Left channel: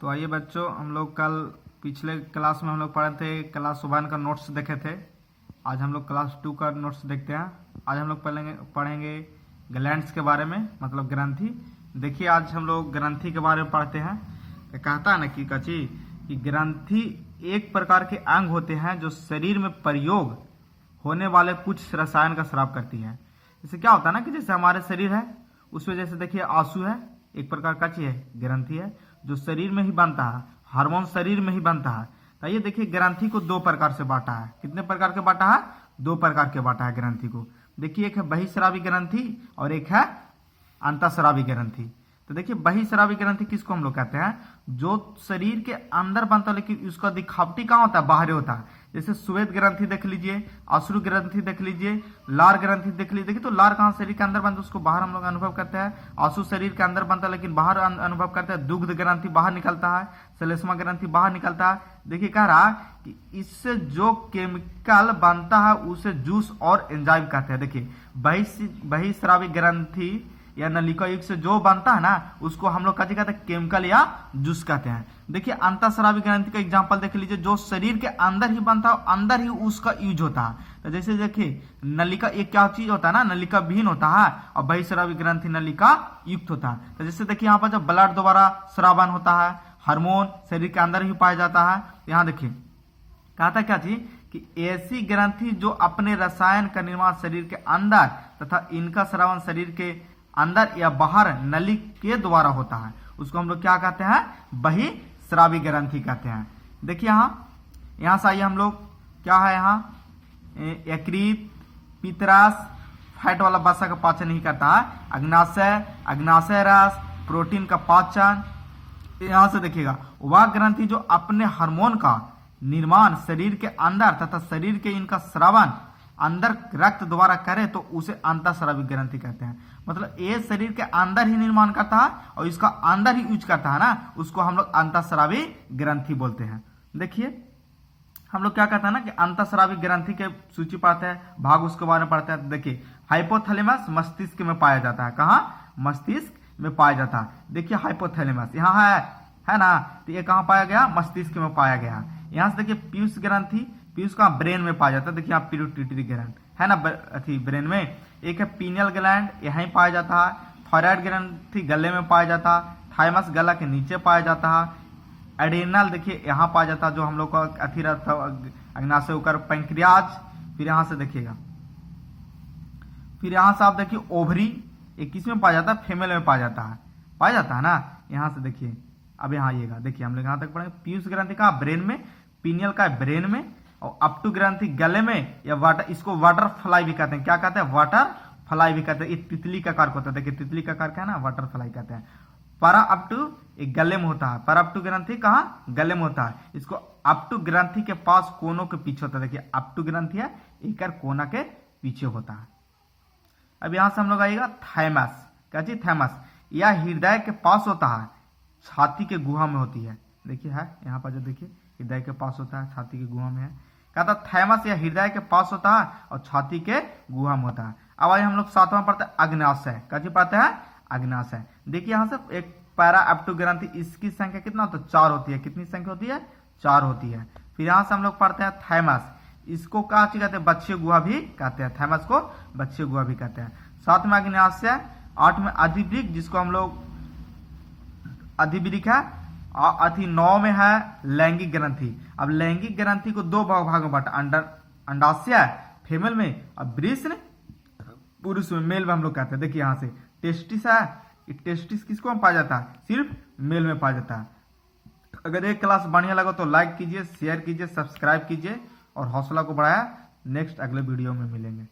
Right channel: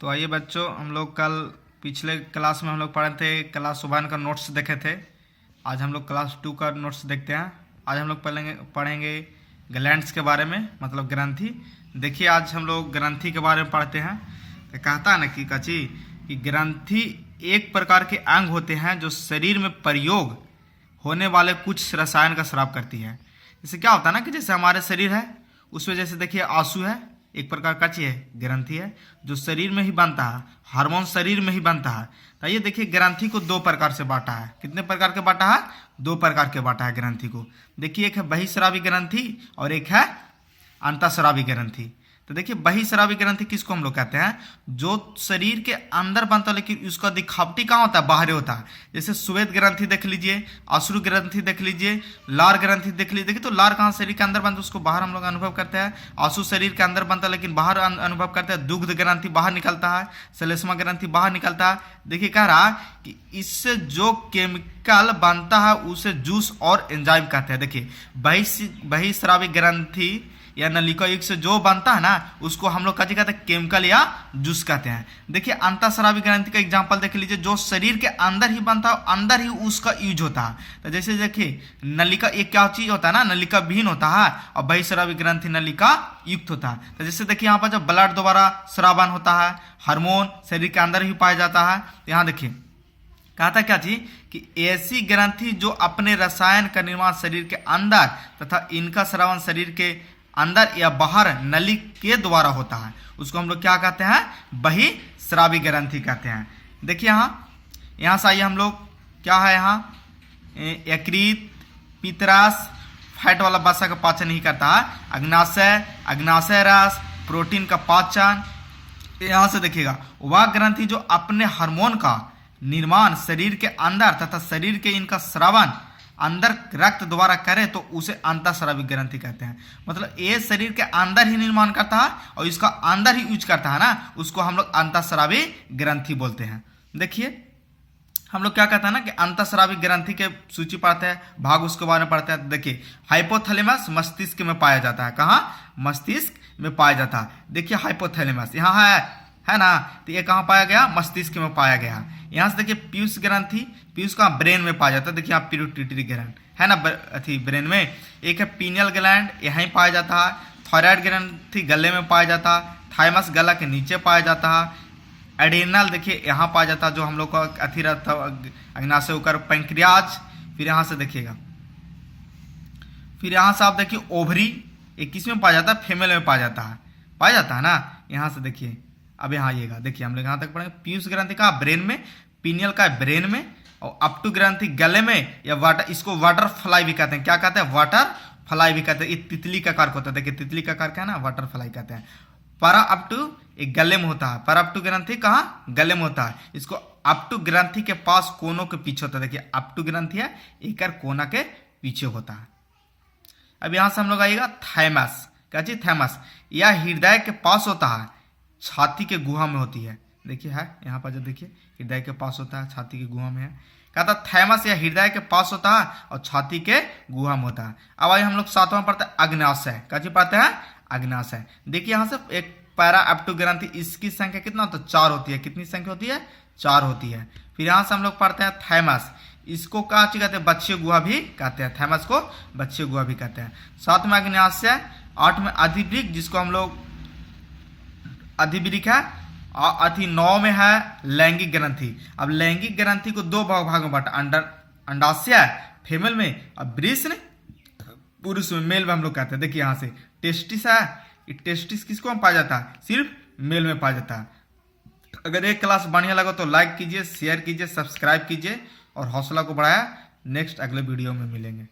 तो आइए बच्चों, हम लोग कल पिछले क्लास में हम लोग पढ़े थे, क्लास 1 का नोट्स देखे थे। आज हम लोग क्लास 2 का नोट्स देखते हैं। आज हम लोग पढ़ेंगे ग्लैंड्स के बारे में, मतलब ग्रंथि। देखिए, आज हम लोग ग्रंथि के बारे में पढ़ते हैं। तो कहता है ना कि कची कि ग्रंथि एक प्रकार के अंग होते हैं जो शरीर में प्रयोग होने वाले कुछ रसायन का स्राव करती है। इससे क्या होता है ना कि जैसे हमारे शरीर है, उसमें जैसे देखिए आंसू है, एक प्रकार का चीज है, ग्रंथि है जो शरीर में ही बनता है, हार्मोन शरीर में ही बनता है। तो ये देखिए, ग्रंथि को 2 प्रकार से बांटा है। कितने प्रकार के बांटा है? 2 प्रकार के बांटा है ग्रंथि को। देखिए, एक है बहिःस्रावी ग्रंथि और एक है अंतःस्रावी ग्रंथि। तो देखिए, बहिःस्रावी ग्रंथि किसको हम लोग कहते हैं? जो शरीर के अंदर बनता है लेकिन उसका दिखावटी कहाँ होता है? बाहरी होता है। जैसे श्वेत ग्रंथि देख लीजिए, अश्रु ग्रंथि देख लीजिए, लार ग्रंथि देख लीजिए। देखिए, तो लार कहाँ शरीर के अंदर बनता है, उसको बाहर हम लोग अनुभव करते हैं। आंसू शरीर के अंदर बनता है लेकिन बाहर अनुभव करते हैं। दुग्ध ग्रंथि बाहर निकलता है, श्लेष्मा ग्रंथि बाहर निकलता है। देखिए, कह रहा कि इससे जो केमिकल बनता है उसे जूस और एंजाइम कहते हैं। देखिए, बहिःस्रावी ग्रंथि या नलिका युक्त से जो बनता है ना, उसको हम लोग क्या कहते हैं? केमिकल या जूस कहते हैं। देखिए, अंतःस्रावी ग्रंथि का एग्जांपल देख लीजिए, जो शरीर के अंदर ही बनता है, अंदर ही उसका यूज होता है। तो जैसे देखिए, नलिका एक क्या चीज होता है ना, नलिका विहीन होता है और बहिःस्रावी ग्रंथि नलिका युक्त होता है। तो जैसे देखिए, यहाँ पर जब ब्लड द्वारा स्रावन होता है, हार्मोन शरीर के अंदर ही पाया जाता है। तो यहाँ देखिए, कहा था क्या चीज कि ऐसी ग्रंथि जो अपने रसायन का निर्माण शरीर के अंदर तथा इनका स्रावन शरीर के अंदर या बाहर नली के द्वारा होता है, उसको हम लोग क्या कहते हैं? बहिःस्रावी ग्रंथि कहते हैं। देखिए, यहाँ से आइए हम लोग, क्या है यहाँ? यकृत, पित्तरस, फैट वाला वसा का पाचन नहीं करता है। अग्नाशय रस, प्रोटीन का पाचन। यहाँ से देखिएगा, वह ग्रंथि जो अपने हार्मोन का निर्माण शरीर के अंदर तथा शरीर के इनका स्रावन अंदर रक्त द्वारा करे तो उसे अंतःस्रावी ग्रंथि कहते हैं। मतलब ये शरीर के अंदर ही निर्माण करता है और इसका अंदर ही यूज करता है ना, उसको हम लोग अंतःस्रावी ग्रंथि बोलते हैं। देखिए, हम लोग क्या कहते हैं ना कि अंतःस्रावी ग्रंथि के सूची पढ़ते हैं, भाग उसके बारे में पढ़ते हैं। देखिए, हाइपोथैलेमस मस्तिष्क में पाया जाता है। कहाँ? मस्तिष्क में पाया जाता है। देखिए, हाइपोथैलेमस यहाँ है ना, तो ये कहाँ पाया गया? मस्तिष्क में पाया गया। यहाँ से देखिए, पीयूष ग्रंथि, पीयूष का ब्रेन में पाया जाता है। देखिए, आप पिट्यूटरी ग्लैंड है ना अथी ब्रेन में। एक है पीनियल ग्लैंड, यहीं पाया जाता है। थायराइड ग्रंथि गले में पाया जाता है। थाइमस गला के नीचे पाया जाता है। एडेनल देखिए यहाँ पाया जाता है, जो हम लोग का अथी रहता है अग्नाशय होकर पैंक्रियाज। फिर यहाँ से देखिएगा, फिर यहाँ से आप देखिए ओवरी, ये किस में पाया जाता है? फीमेल में पाया जाता है ना। यहाँ से देखिए, अब यहाँ आइएगा, देखिए हम लोग यहाँ तक पढ़ेंगे। पीयूष ग्रंथि का ब्रेन में, पीनियल का ब्रेन में, और अपटू ग्रंथि गले में, या वाटर, इसको वाटर फ्लाई भी कहते हैं। क्या कहते हैं? वाटर फ्लाई भी कहते हैं। ये तितली का कार होता है। देखिए, तितली का कार क्या है ना, वाटर फ्लाई कहते हैं। para अपटू एक गले में होता है। para अपटू ग्रंथि कहाँ? गले में होता है। इसको अपटू ग्रंथि के पास कोनों के पीछे होता है। देखिए, अपटू ग्रंथि है, एक कोना के पीछे होता है। अब यहाँ से हम लोग आइएगा थैमस। क्या चीज? थैमस। यह हृदय के पास होता है, छाती के गुहा में होती है। देखिए, है यहाँ पर जो देखिए, हृदय के पास होता है, छाती के गुहा में है। कहता थैमस या हृदय के पास होता है और छाती के गुहा में होता है। अब आइए हम लोग 7वां पढ़ते हैं अग्नाशय। क्या चीज पढ़ते हैं? अग्नाशय। देखिए, यहाँ से एक पैरा अपटू ग्रंथि, इसकी संख्या कितना होता है? 4 होती है। कितनी संख्या होती है? 4 होती है। फिर यहाँ से हम लोग पढ़ते हैं थैमस। इसको क्या चीज कहते हैं? बच्चे गुहा भी कहते हैं। थैमस को बच्चे गुहा भी कहते हैं। 7वां अग्नाशय। 8 में अधिवृक्क, जिसको हम लोग अधिवृक्क है। अति 9 में है लैंगिक ग्रंथि। अब लैंगिक ग्रंथि को 2 भाग में बांटा, अंडाशय फीमेल में और वृषण पुरुष में, मेल में हम लोग कहते हैं। देखिए, यहाँ से टेस्टिस है, टेस्टिस किसको में पाया जाता है? सिर्फ मेल में पाया जाता है। अगर एक क्लास बढ़िया लगा तो लाइक कीजिए, शेयर कीजिए, सब्सक्राइब कीजिए और हौसला को बढ़ाया। नेक्स्ट अगले वीडियो में मिलेंगे।